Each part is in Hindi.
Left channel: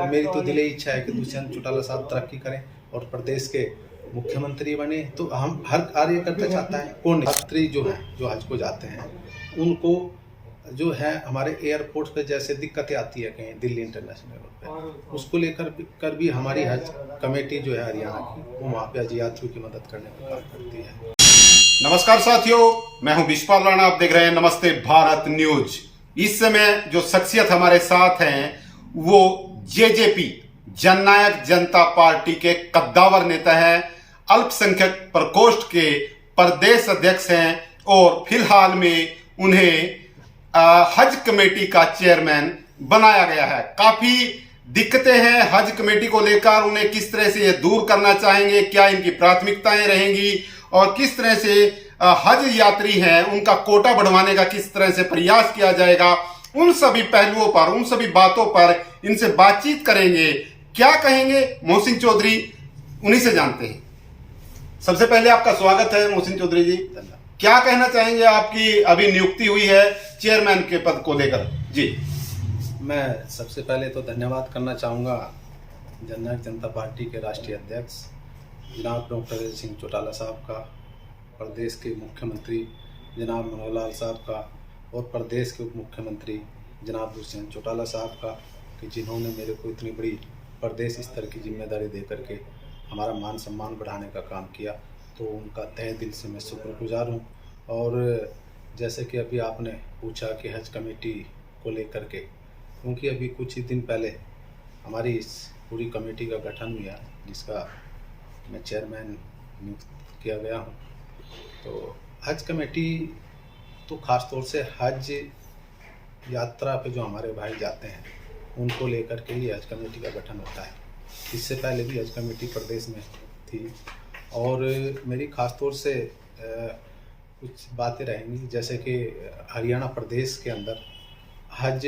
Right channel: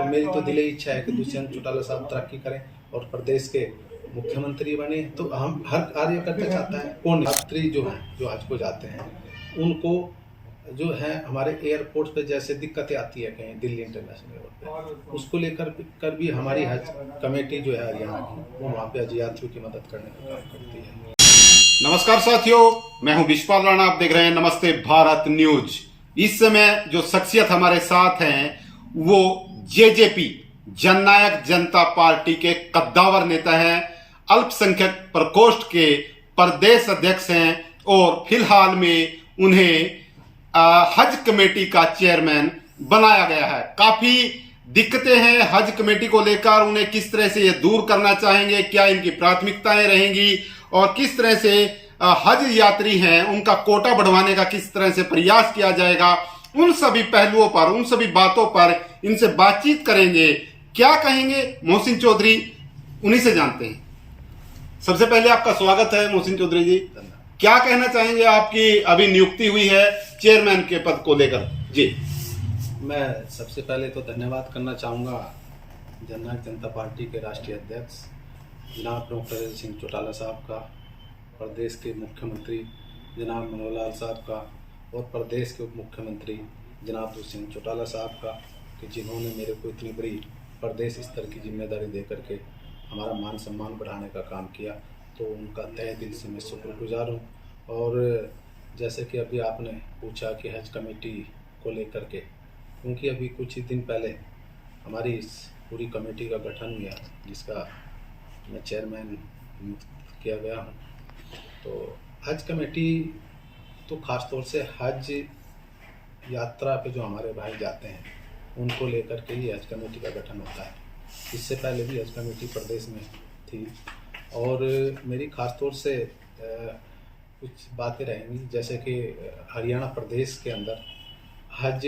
तो मेरी तो दिली इच्छा है कि दुष्यंत चौटाला साहब तरक्की करें और प्रदेश के मुख्यमंत्री बने। तो हम हर कार्यकर्ता चाहता है। कौन यात्री जो हैं, जो हज को जाते हैं, उनको जो है हमारे एयरपोर्ट पे जैसे दिक्कतें आती है कहीं दिल्ली इंटरनेशनल एयरपोर्ट पे, उसको लेकर भी हमारी हज कमेटी जो है हरियाणा की, वो वहाँ पे हज यात्रियों की मदद करने का काम करती है। नमस्कार साथियों, मैं हूं विश्वपाल राणा। आप देख रहे हैं नमस्ते भारत न्यूज। इस समय जो शख्सियत हमारे साथ हैं वो जेजेपी जननायक जनता पार्टी के कद्दावर नेता हैं, अल्पसंख्यक प्रकोष्ठ के प्रदेश अध्यक्ष हैं और फिलहाल में उन्हें हज कमेटी का चेयरमैन बनाया गया है। काफी दिक्कतें हैं हज कमेटी को लेकर, उन्हें किस तरह से ये दूर करना चाहेंगे, क्या इनकी प्राथमिकताएं रहेंगी और किस तरह से हज यात्री हैं उनका कोटा बढ़वाने का किस तरह से प्रयास किया जाएगा, उन सभी पहलुओं पर, उन सभी बातों पर इनसे बातचीत करेंगे। क्या कहेंगे मोहसिन चौधरी, उन्हीं से जानते हैं। सबसे पहले आपका स्वागत है मोहसिन चौधरी जी। क्या कहना चाहेंगे, आपकी अभी नियुक्ति हुई है चेयरमैन के पद को लेकर? जी, मैं सबसे पहले तो धन्यवाद करना चाहूँगा जननायक जनता पार्टी के राष्ट्रीय अध्यक्ष जनाब डॉक्टर सिंह चौटाला साहब का, प्रदेश के मुख्यमंत्री जनाब मनोहर लाल साहब का और प्रदेश के उप मुख्यमंत्री जनाब दुष्यंत चौटाला साहब का, कि जिन्होंने मेरे को इतनी बड़ी प्रदेश स्तर की जिम्मेदारी दे करके हमारा मान सम्मान बढ़ाने का काम किया। तो उनका तहे दिल से मैं शुक्रगुजार हूँ। और जैसे कि अभी आपने पूछा कि हज कमेटी को लेकर के, क्योंकि अभी कुछ ही दिन पहले हमारी इस पूरी कमेटी का गठन हुआ जिसका मैं चेयरमैन नियुक्त किया गया हूँ। तो हज कमेटी तो ख़ास तौर से हज यात्रा पे जो हमारे भाई जाते हैं उनको लेकर के ही हज कमेटी का गठन होता है। इससे पहले भी हज कमेटी प्रदेश में थी और मेरी ख़ास तौर से कुछ बातें रहेंगी, जैसे कि हरियाणा प्रदेश के अंदर हज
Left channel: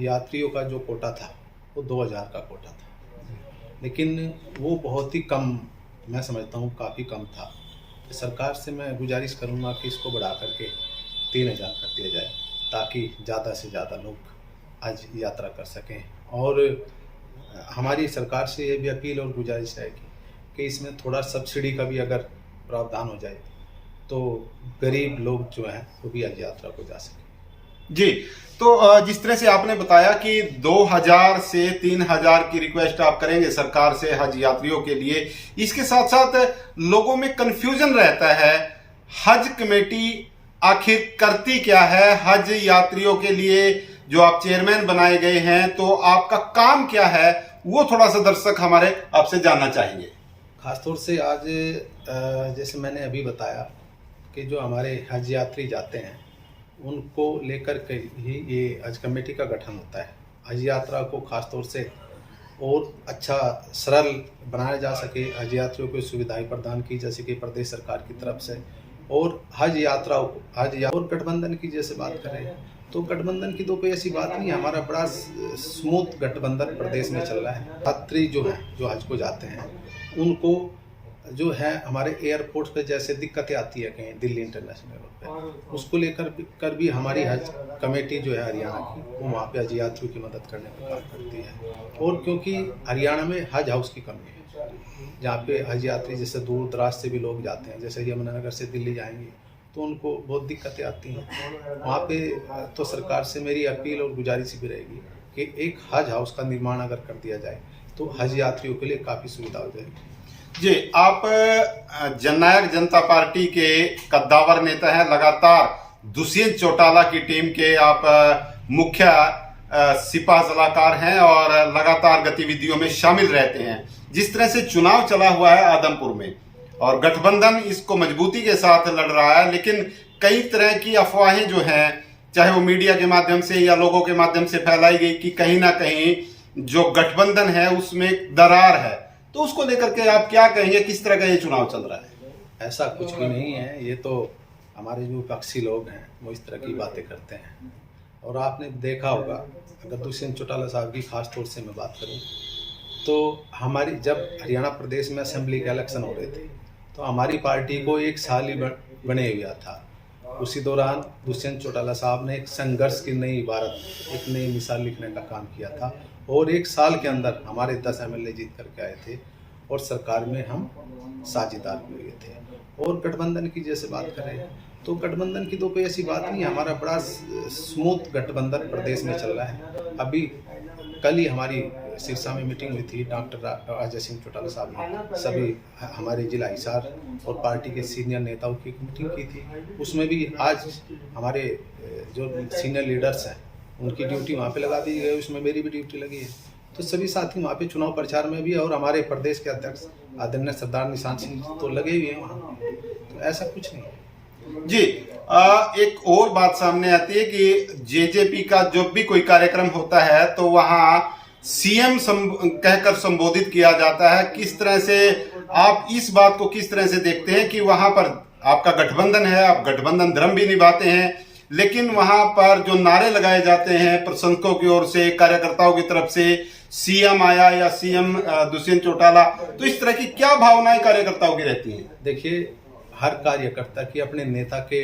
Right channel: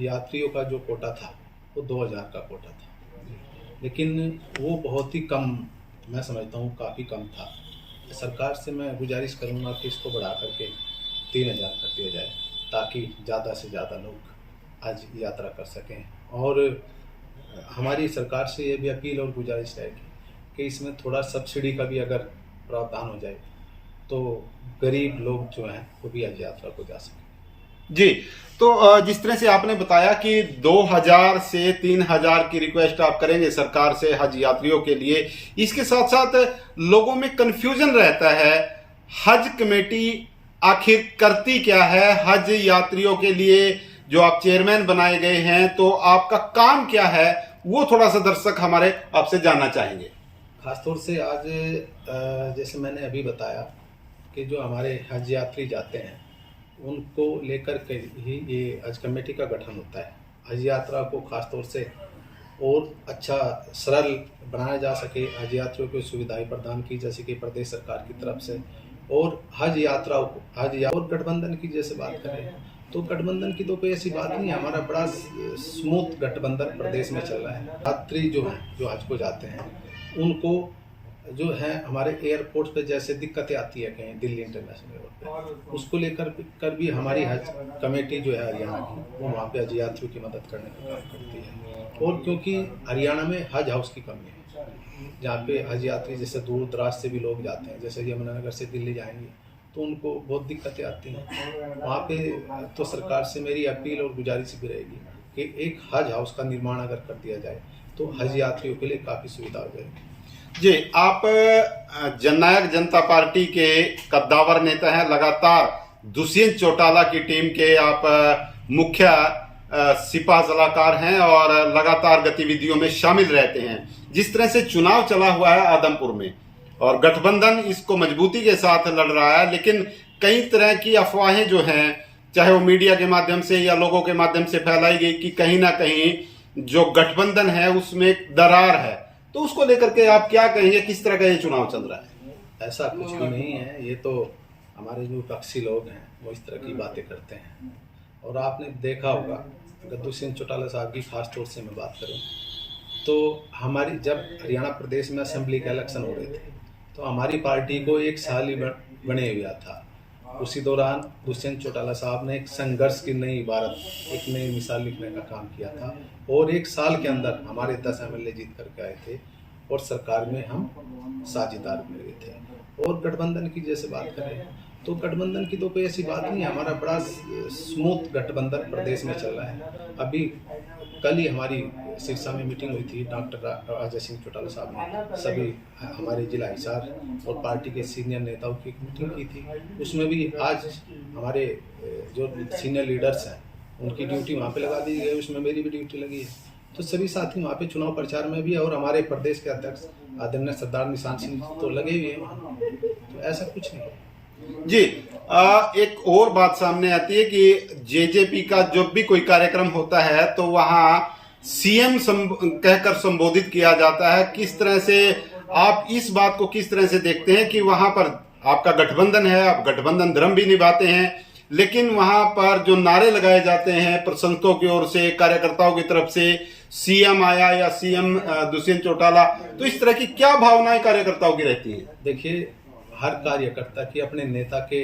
यात्रियों का जो कोटा था वो 2000 का कोटा था, लेकिन वो बहुत ही कम, मैं समझता हूँ काफ़ी कम था। सरकार से मैं गुजारिश करूँगा कि इसको बढ़ा करके 3000 कर दिया जाए ताकि ज़्यादा से ज़्यादा लोग हज यात्रा कर सकें। और हमारी सरकार से ये भी अपील और गुजारिश है कि इसमें थोड़ा सब्सिडी का भी अगर प्रावधान हो जाए तो गरीब लोग जो हैं वो भी हज यात्रा को जा सकें। जी, तो जिस तरह से आपने बताया कि 2000 से 3000 की रिक्वेस्ट आप करेंगे सरकार से हज यात्रियों के लिए, इसके साथ साथ लोगों में कंफ्यूजन रहता है, हज कमेटी आखिर करती क्या है? हज यात्रियों के लिए जो आप चेयरमैन बनाए गए हैं, तो आपका काम क्या है, वो थोड़ा सा दर्शक हमारे आपसे जानना चाहेंगे। खासतौर से आज जैसे मैंने अभी बताया कि जो हमारे हज यात्री जाते हैं उनको लेकर के ही ये हज कमेटी का गठन होता है। हज यात्रा को खासतौर से और अच्छा सरल बनाया जा सके, हज यात्रियों को सुविधाएं प्रदान की जा सके प्रदेश सरकार की तरफ से, और हज यात्राओं को और गठबंधन की जैसे बात करें तो गठबंधन की तो कोई ऐसी बात नहीं है। हमारा बड़ा स्मूथ गठबंधन प्रदेश में चल रहा है। यात्री जो हैं, जो हज को जाते हैं, उनको जो है हमारे एयरपोर्ट पे जैसे दिक्कतें आती है कहीं दिल्ली इंटरनेशनल एयरपोर्ट पे, उसको लेकर भी हमारी हज कमेटी जो है हरियाणा की, वो वहाँ पे हज यात्रियों की मदद करने का काम करती है। और क्योंकि हरियाणा में हज हाउस की कमी है, जहाँ पे हज यात्री जैसे दूर दराज से भी लोग जाते हैं, जैसे यमुनानगर से दिल्ली जाएंगे तो उनको बहुत दिक्कतें आती हैं। वहाँ पे तो सरकार से मेरी अपील और गुजारिश भी रहेगी कि एक हज हाउस का निर्माण अगर कर दिया जाए तो हज यात्रियों के लिए काफ़ी सुविधा हो जाएगी। जी, आप जननायक जनता पार्टी के कद्दावर नेता हैं, लगातार दुष्यंत चौटाला की टीम के आप मुख्य सिपा सलाहकार हैं और लगातार गतिविधियों में शामिल रहते हैं। जिस तरह से चुनाव चला हुआ है आदमपुर में और गठबंधन इसको मजबूती के साथ लड़ रहा है, लेकिन कई तरह की अफवाहें जो हैं, चाहे वो मीडिया के माध्यम से या लोगों के माध्यम से फैलाई गई कि कहीं ना कहीं जो गठबंधन है उसमें दरार है, तो उसको लेकर के आप क्या कहेंगे? किस तरह का ये चुनाव चल रहा है? ऐसा कुछ भी नहीं है। ये तो हमारे जो विपक्षी लोग हैं वो इस तरह की बातें करते हैं। और आपने देखा होगा, अगर दुष्यंत चौटाला साहब की खास तौर से मैं बात करूं तो हमारी जब हरियाणा प्रदेश में असेंबली के इलेक्शन हो रहे थे तो हमारी पार्टी को 1 साल ही बने हुआ था उसी दौरान दुष्यंत चौटाला साहब ने एक संघर्ष की नई इबारत, एक नई मिसाल लिखने का काम किया था और 1 साल के अंदर हमारे 10 MLA जीत करके आए थे और सरकार में हम साझेदार भी हुए थे। और गठबंधन की जैसे बात करें तो गठबंधन की तो कोई ऐसी बात नहीं है, हमारा बड़ा स्मूथ गठबंधन प्रदेश में चल रहा है। अभी कल ही हमारी सिरसा में मीटिंग हुई थी, डॉक्टर अजय सिंह चौटाला साहब ने सभी हमारे जिला हिसार और पार्टी के सीनियर नेताओं की एक मीटिंग की थी। उसमें भी आज हमारे जो सीनियर लीडर्स हैं उनकी ड्यूटी वहाँ पे लगा दी गई, उसमें मेरी भी ड्यूटी लगी है। तो सभी साथी वहाँ पे चुनाव प्रचार में भी है और हमारे प्रदेश के अध्यक्ष आदरणीय सरदार निशान सिंह तो लगे हुए हैं वहाँ, तो ऐसा कुछ नहीं है। जी, एक और बात सामने आती है कि जेजेपी का जब भी कोई कार्यक्रम होता है तो वहां सीएम कहकर संबोधित किया जाता है। किस तरह से आप इस बात को किस तरह से देखते हैं कि वहां पर आपका गठबंधन है, आप गठबंधन धर्म भी निभाते हैं, लेकिन वहां पर जो नारे लगाए जाते हैं प्रशंसकों की ओर से, कार्यकर्ताओं की तरफ से, सीएम आया या सीएम दुष्यंत चौटाला, तो इस तरह की क्या भावनाएं कार्यकर्ताओं की रहती हैं? देखिए, हर कार्यकर्ता की अपने नेता के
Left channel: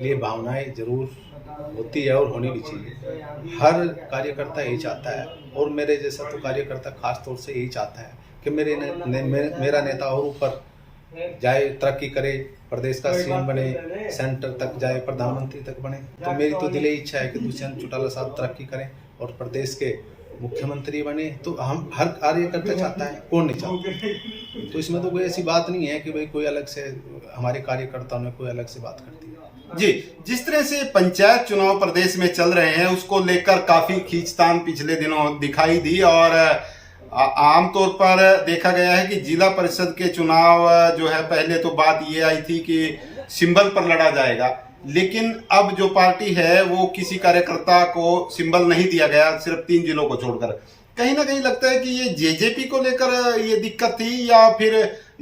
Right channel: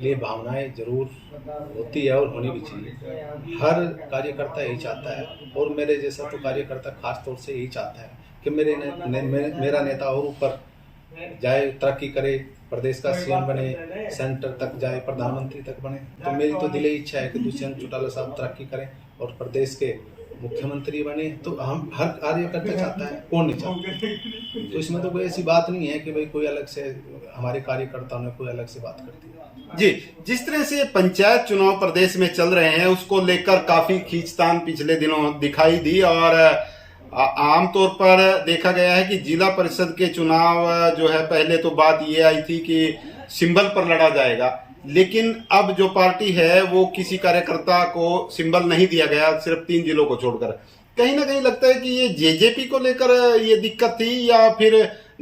लिए भावनाएं जरूर होती है और होनी भी चाहिए। हर कार्यकर्ता यही चाहता है और मेरे जैसा तो कार्यकर्ता खास तौर से यही चाहता है कि मेरा नेता और ऊपर जाए, तरक्की करे, प्रदेश का सीएम बने, सेंटर तक जाए, प्रधानमंत्री तक बने। तो मेरी तो दिली इच्छा है कि दुष्यंत चौटाला साहब तरक्की करें और प्रदेश के मुख्यमंत्री बने। तो हम हर कार्यकर्ता चाहता है, कौन नहीं चाहता। तो इसमें तो कोई ऐसी बात नहीं है कि भाई कोई अलग से हमारे कार्यकर्ताओं ने कोई अलग से बात कर दी। जी, जिस तरह से पंचायत चुनाव प्रदेश में चल रहे हैं उसको लेकर काफी खींचतान पिछले दिनों दिखाई दी और आमतौर पर देखा गया है कि जिला परिषद के चुनाव जो है, पहले तो बात ये आई थी कि सिंबल पर लड़ा जाएगा, लेकिन अब जो पार्टी है वो किसी कार्यकर्ता को सिंबल नहीं दिया गया, सिर्फ 3 जिलों को छोड़कर। कहीं ना कहीं लगता है कि ये जेजेपी को लेकर ये दिक्कत थी या फिर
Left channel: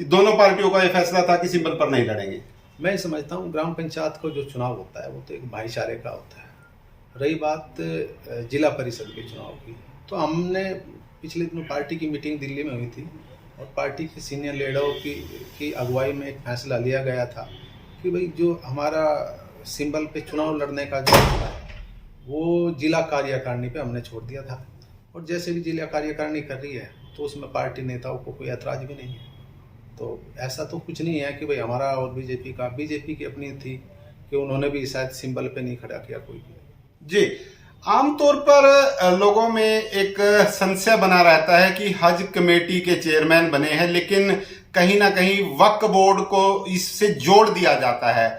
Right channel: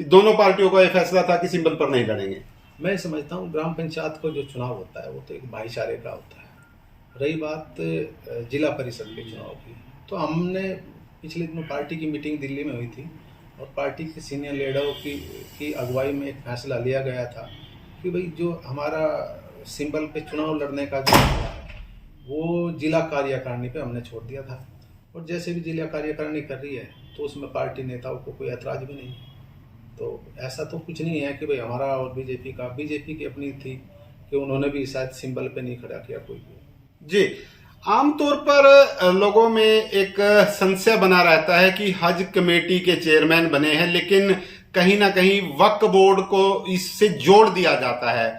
दोनों पार्टियों का ये फैसला था कि सिंबल पर नहीं लड़ेंगे? मैं समझता हूँ ग्राम पंचायत को जो चुनाव होता है वो तो एक भाईचारे का होता है। रही बात जिला परिषद के चुनाव की, तो हमने पिछले दिनों पार्टी की मीटिंग दिल्ली में हुई थी और पार्टी के सीनियर लीडरों की अगुवाई में एक फैसला लिया गया था कि भाई जो हमारा सिंबल पे चुनाव लड़ने का जो है वो जिला कार्यकारिणी पे हमने छोड़ दिया था और जैसे भी जिला कार्यकारिणी कर रही है तो उसमें पार्टी नेताओं को कोई ऐतराज भी नहीं है। तो ऐसा तो कुछ नहीं है कि भाई हमारा और बीजेपी की अपनी थी कि उन्होंने भी शायद सिंबल पे नहीं खड़ा किया कोई भी। जी, आमतौर पर लोगों में एक संशय बना रहता है कि हज कमेटी के चेयरमैन बने हैं, लेकिन कहीं ना कहीं वक्फ बोर्ड को इससे जोड़ दिया जाता है।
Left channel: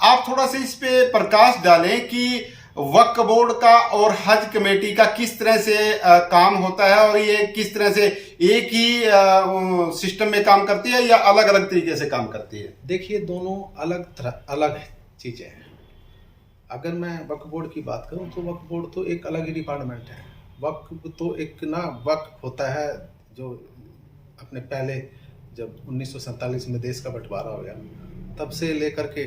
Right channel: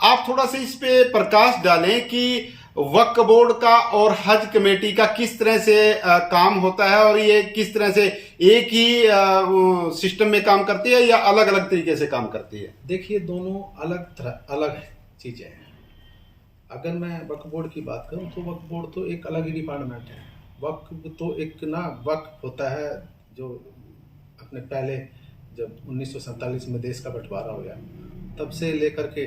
आप थोड़ा सा इस पे प्रकाश डालें कि वक्फ बोर्ड का और हज कमेटी का किस तरह से काम होता है और ये किस तरह से एक ही सिस्टम में काम करती है या अलग अलग तरीके से काम करती है? देखिए, दोनों अलग चीजें हैं। अगर मैं वक्फ बोर्ड की बात करूं तो वक्फ बोर्ड तो एक अलग ही डिपार्टमेंट है। वक्फ तो एक वक्फ होता है जो अपने पहले जब 1947 में देश का बंटवारा हो गया तब से लेकर के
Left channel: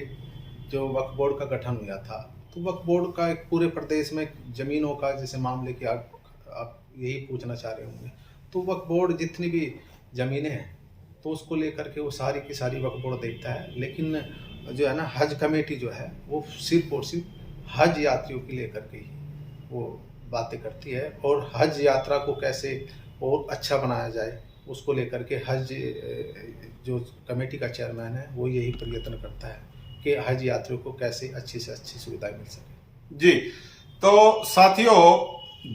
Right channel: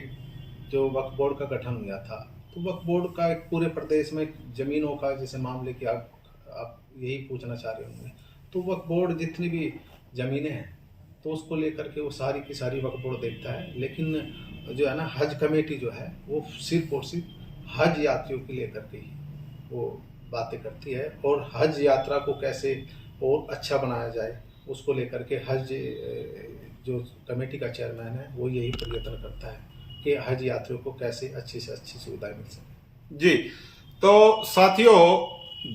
जो वक्फ बोर्ड का गठन हुआ था, तो वक्फ बोर्ड का एक पूरे प्रदेश में जमीनों का जैसे मामले की आप यही पूछना चाह रहे होंगे, तो वक्फ बोर्ड जितनी भी ज़मीनें हैं तो उसको लेकर के वो सारी की सारी वक्फ बोर्ड देखता है। लेकिन जो है ना, हज कमेटी जो है वो सिर्फ और सिर्फ हज यात्रियों की लेकर के ही वो बातें करती है और हज यात्रा को कैसे और अच्छा बनाया जाए उसको लेकर के हज जो कमेटी का चेयरमैन है वो यही प्रयत्न करता है कि हज यात्रियों को कैसे अच्छी से अच्छी सुविधाएं मिल सके। जी, तो साथियों,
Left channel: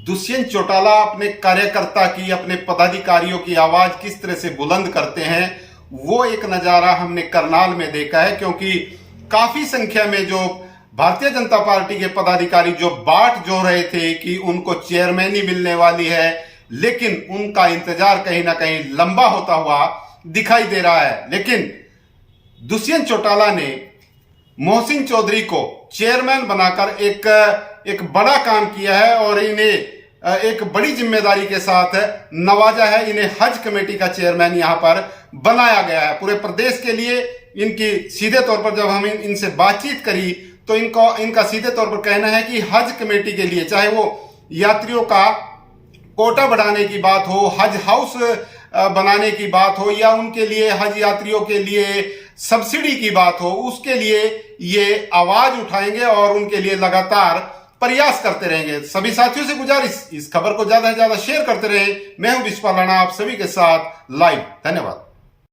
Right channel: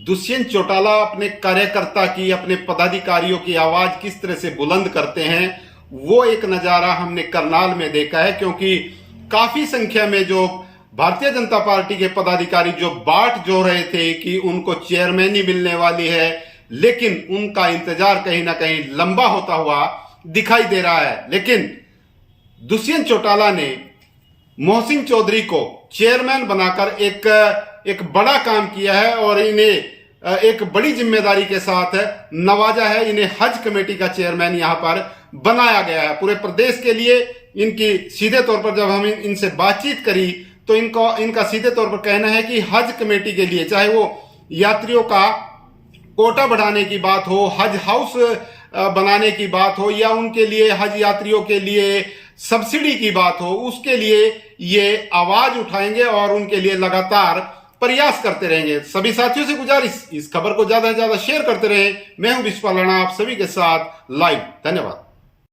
दुष्यंत चौटाला अपने कार्यकर्ता की, अपने पदाधिकारियों की आवाज किस तरह से बुलंद करते हैं वो एक नजारा हमने करनाल में देखा है, क्योंकि काफी संख्या में जो भारतीय जनता पार्टी के पदाधिकारी जो बाट जो रहे थे कि उनको चेयरमैनी मिलने वाली है, लेकिन उनका इंतजार कहीं ना कहीं लंबा होता हुआ दिखाई दे रहा है। लेकिन दुष्यंत चौटाला ने मोहसिन चौधरी को चेयरमैन बनाकर एक बड़ा काम किया है और इन्हें एक बड़ी जिम्मेदारी के साथ नवाजा है। इन्हें हज कमेटी का चेयरमैन यहां पर बनाया गया है। पूरे प्रदेश के लिए इनकी सीधे तौर पर जब हम इनसे बातचीत करी तो इनका सीधे तौर पर कहना है कि हज कमेटी के लिए, चाहे वो यात्रियों का कोटा बढ़ाने की बात हो, हज हाउस बनाने की बात हो या उनके लिए, हज यात्रियों के लिए सब्सिडी की बात हो, उसके लिए ये आवाज उठाएंगे और उनके लिए लगातार प्रयास करते रहेंगे। सभी साथियों से गुजारिश, इस खबर को ज्यादा से ज्यादा शेयर करते रहें। मैं हूं विश्वपाल राणा, आप सभी के साथ लाइव। धन्यवाद।